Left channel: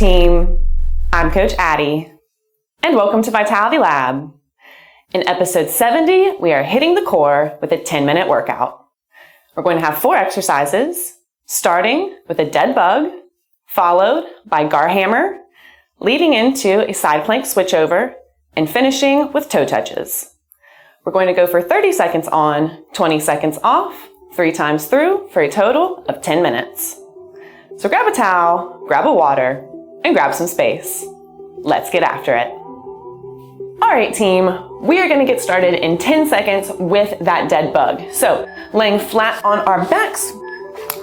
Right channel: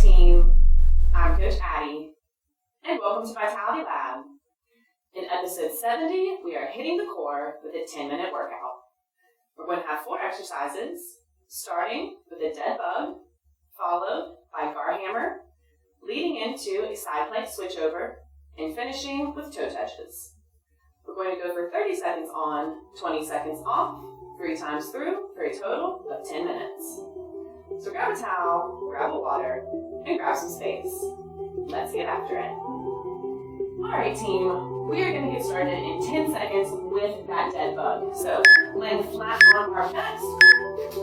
team, I'm Coach Addie, and welcome to Vitality Lab. In episode 70, we are hitting the core with a 10-minute workout. We're going to have 4 exercises, starting with a dead bug, followed by gar hammer, leading into a side plank switchover, and finishing with toe touches. We're going to go for 30 seconds on, 20 seconds off, 3 times through for a total of 10 minutes. So grab a towel, grab a water, and grab some space. Let's get after it. All right, team, we are going to get started in 10 seconds with that dead bug. So laying flat on our backs,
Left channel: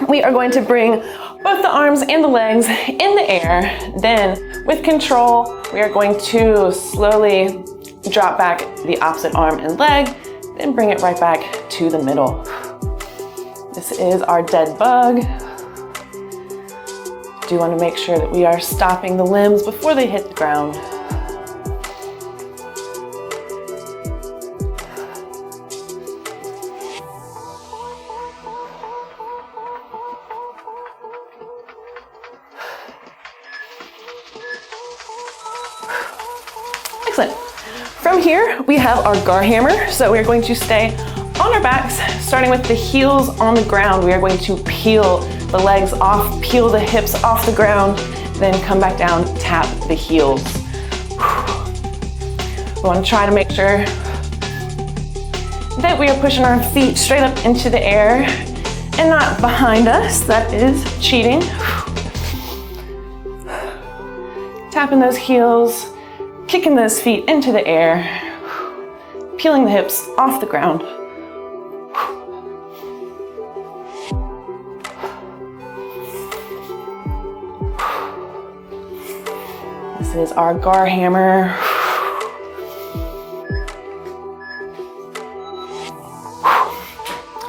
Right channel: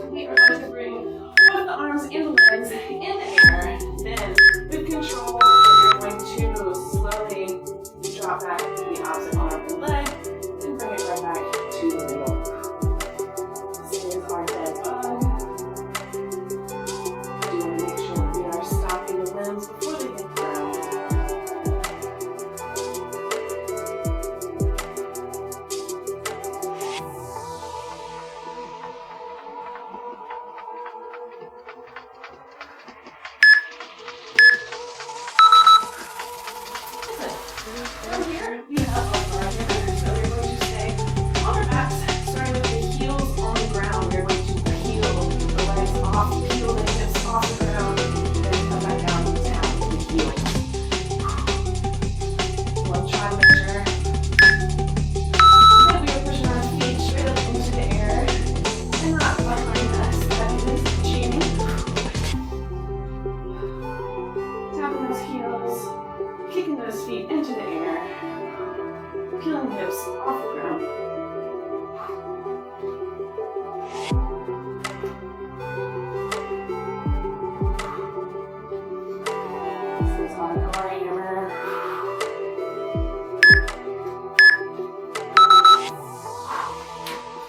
we are going to bring both the arms and the legs in the air. Then with control, we are going to slowly drop back the opposite arm and leg, then bring it right back to the middle. This is our dead bug. Do want to make sure that we are stopping the limbs before they hit the ground. Excellent. From here, we have our gar hammer. So we're going to stay on our backs, starting with the heels on the ground. We are going to peel the legs off, peel the hips off the ground, then come back down, tap the heels. We want to try to make sure that we are pushing our feet straight up into the air and not behind us. That is cheating. Tapping those heels, kicking those feet into the air, peeling the hips off the ground. This is our gar hammer.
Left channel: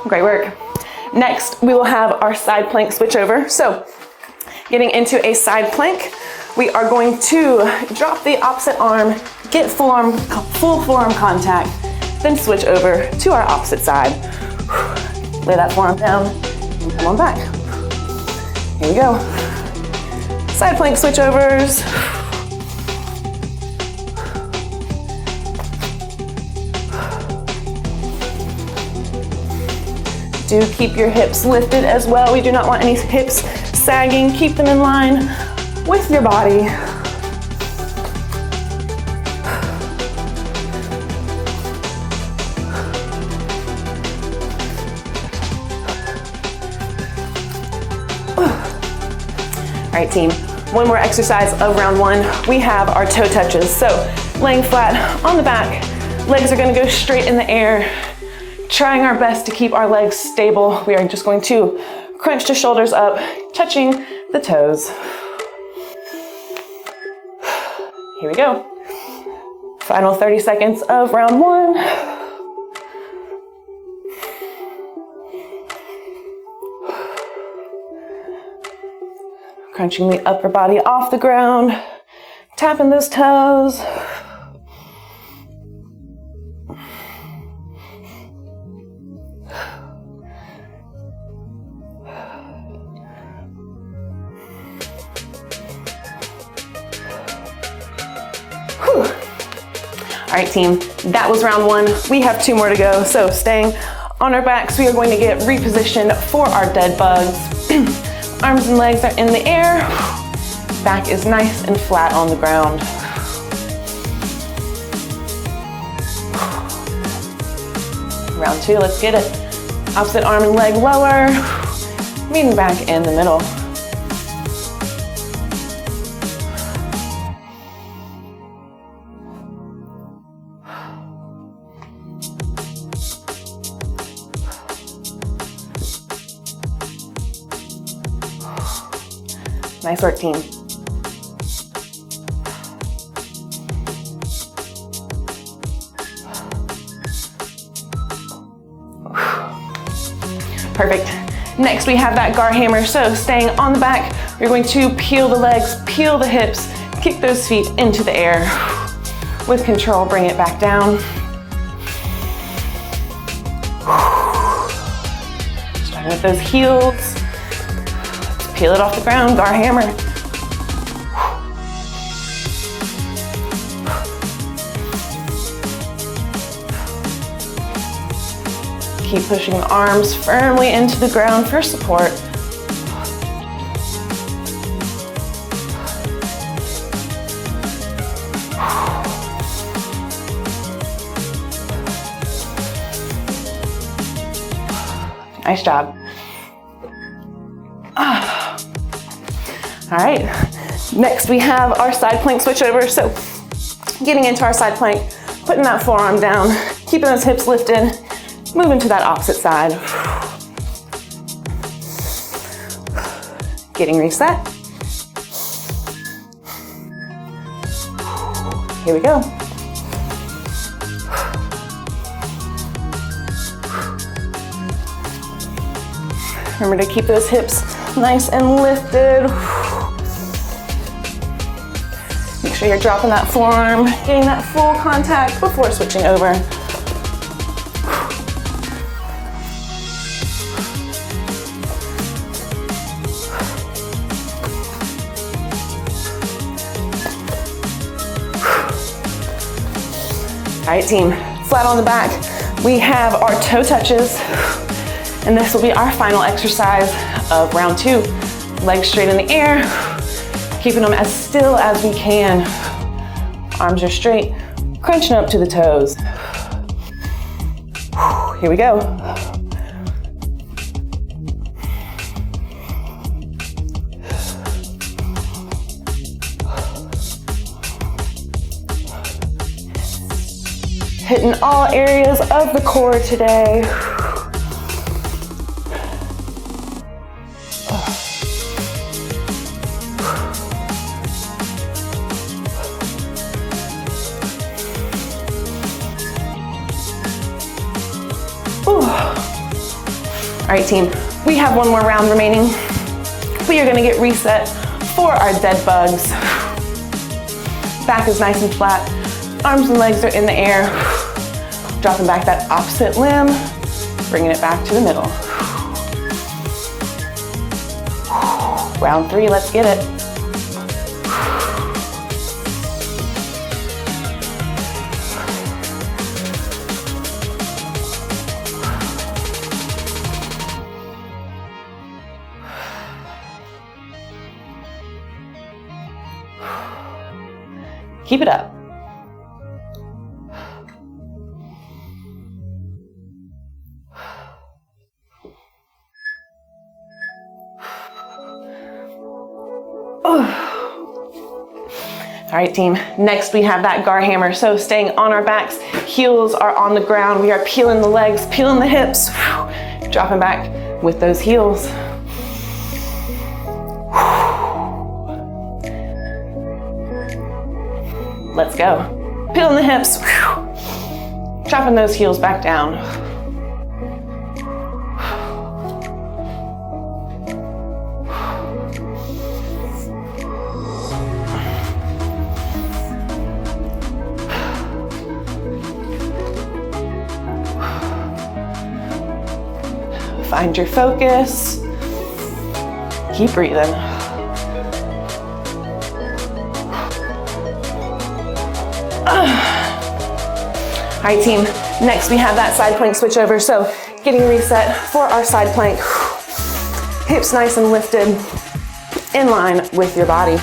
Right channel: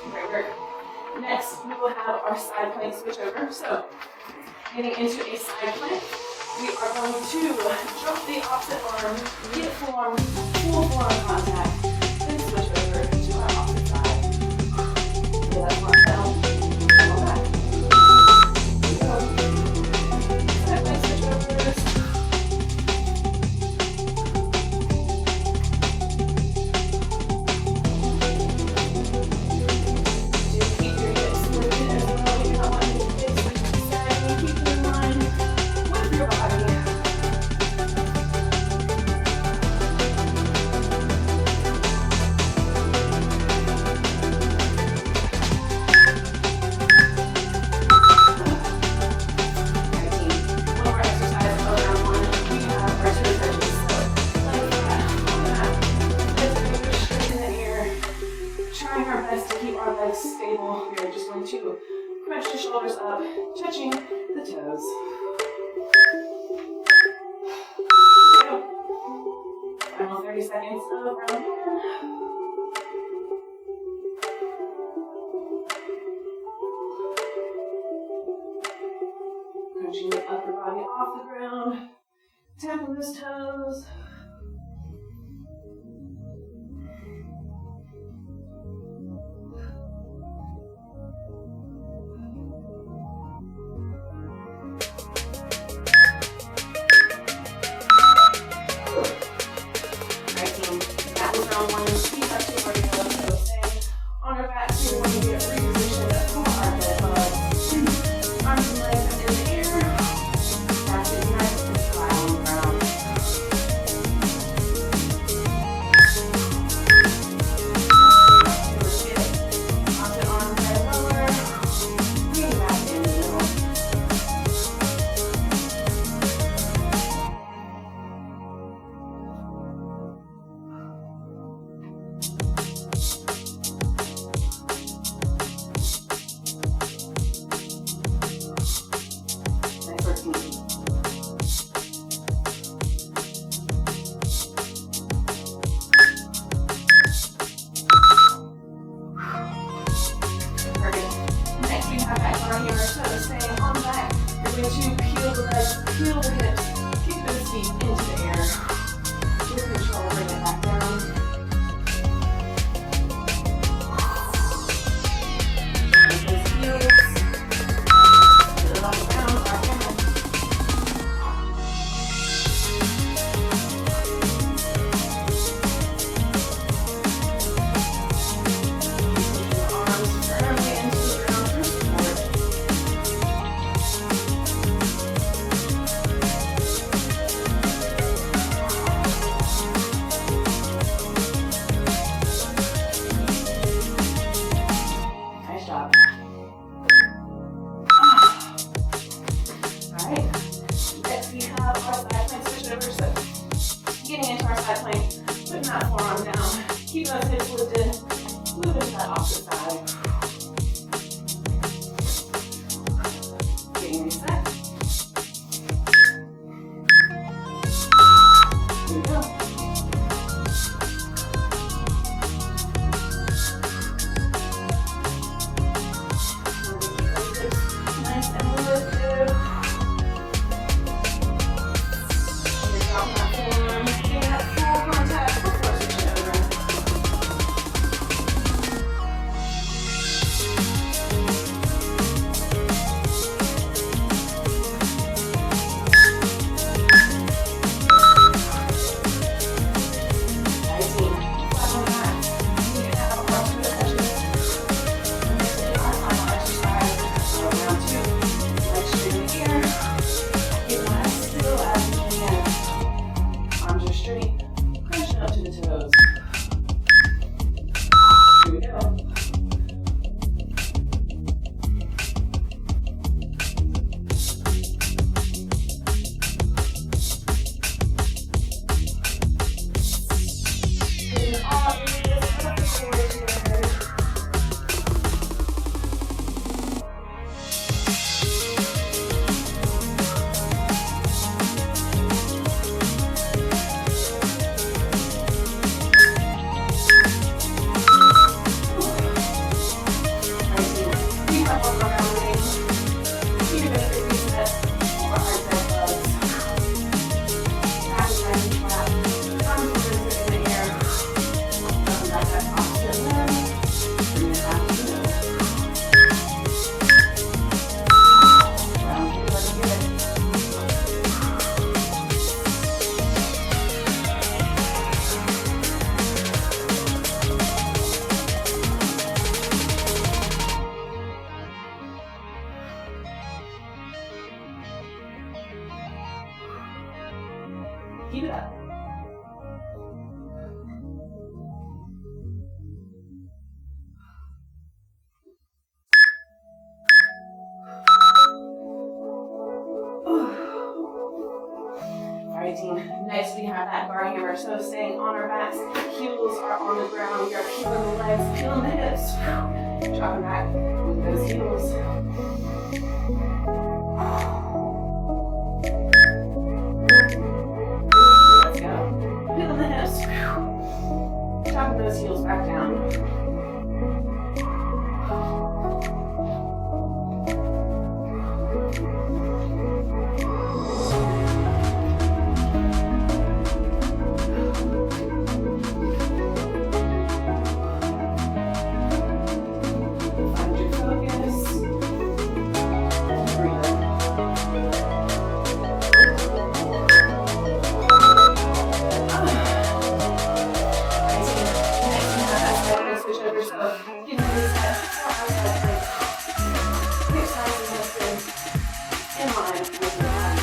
Great work. Next, we will have our side plank switch over. So getting into a side plank, we are going to drop the opposite arm, get full forearm contact, then switch over to our opposite side. Lay that forearm down, and come on back. Here we go. Side plank switchovers. Do keep your hips lifted as well. We do not want any hips sagging. Keep them in line with your body. All right, team. One more exercise of round 1. We have our toe touches. So laying flat on the back, legs are going to go straight in the air. Trying our best to keep our legs stable. We are just going to crunch the shoulders up, touching the toes. Here we go. Final 30 seconds of round 1. Crunching the upper body off the ground, tapping those toes. All right, team, that was round 1. We have 2 more to go. So staying on our backs, we are going to get repositioned for our dead bugs. Arms and legs are in the air. Back is nice and flat on the ground. Round 2, let's get it. Opposite arm and leg lower, meeting back in the middle. Nice work, team. Perfect. Next, we have that gar hammer. So staying on the back, we're going to peel the legs, peel the hips, kick those feet into the air. With control, bring it back down. Starting with those heels. Peel it off the ground, gar hammer. Pushing the arms firmly into the ground for support. Nice job. All right, next we have our side plank switch over. So getting into our side plank, putting that forearm down, keeping those hips lifted, moving to that opposite side. Getting reset. Here we go. Remember to keep those hips nice and lifted. Make sure you're dropping that forearm, getting that full contact before switching over. All right, team, flat on the back. We have our toe touches, and this will be our final exercise of round 2. Legs straight in the air, keeping them as still as we can. Arms are straight, crunching up to the toes. Here we go. Hitting all areas of the core today. All right, team, we have one more round remaining. We are gonna get reset for our dead bugs. Back is nice and flat. Arms and legs are in the air. Dropping back that opposite limb, bringing it back to the middle. Round 3, let's get it. Keep it up. All right, team, next we have that gar hammer. So staying on our backs, heels are on the ground. We are peeling the legs, peeling the hips, dropping back with those heels. Let's go. Peeling the hips, dropping those heels back down. Find your focus. Keep breathing. All right, team, next we have that side plank switch over. So getting reset for our side plank. Hips nice and lifted, in line with your body.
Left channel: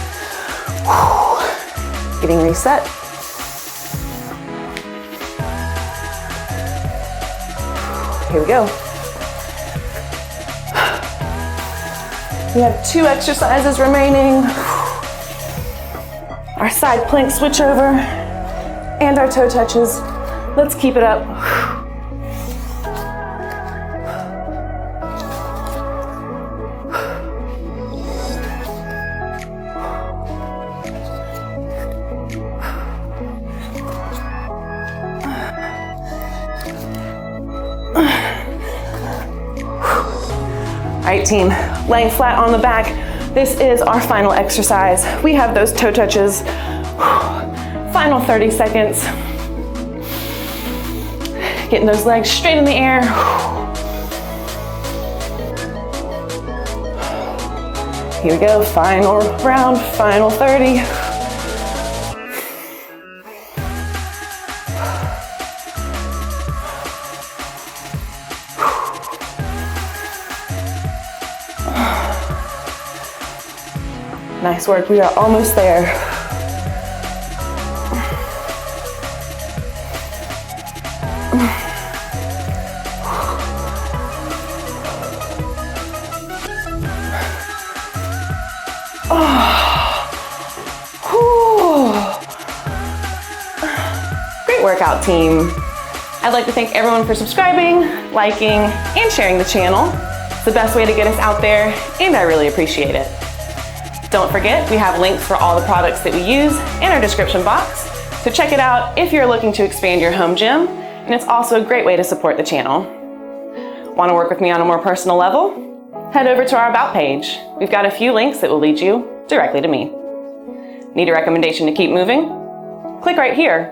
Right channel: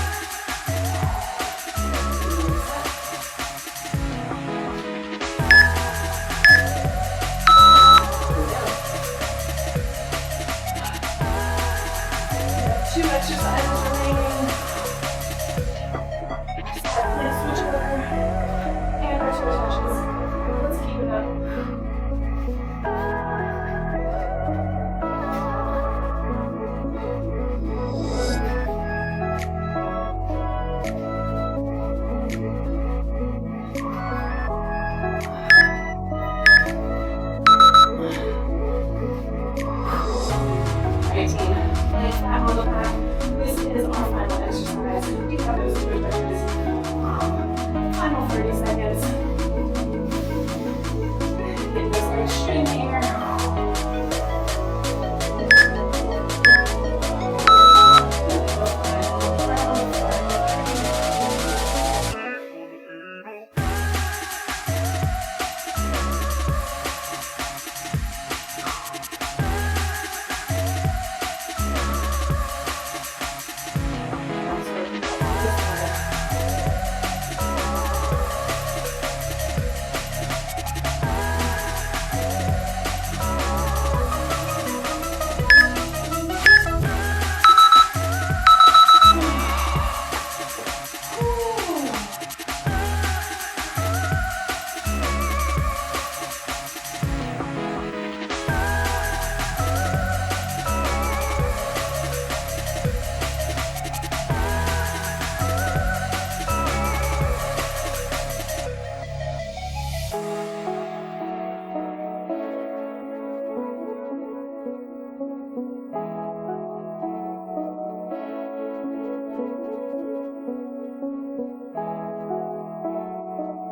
Getting reset. Here we go. We have 2 exercises remaining. Our side plank switch over and our toe touches. Let's keep it up. All right, team, laying flat on the back. This is our final exercise. We have those toe touches. Final 30 seconds. Getting those legs straight in the air. Here we go, final round, final 30. Nice work, we are almost there. Great workout, team. I'd like to thank everyone for subscribing, liking, and sharing the channel. It's the best way to get us out there, and I really appreciate it. Don't forget, we have links for all the products that we use in our description box, so check it out if you're looking to expand your home gym, and it's also a great way to support the channel. Want to work with me on a more personal level? Head over to our About page. We've got a few links that will lead you directly to me. Need a recommendation to keep moving? Click right here.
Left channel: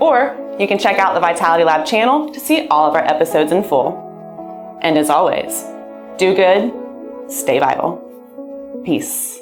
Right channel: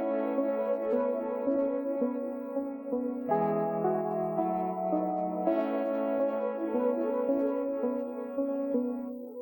Or you can check out the Vitality Lab channel to see all of our episodes in full. And as always, do good, stay vital. Peace.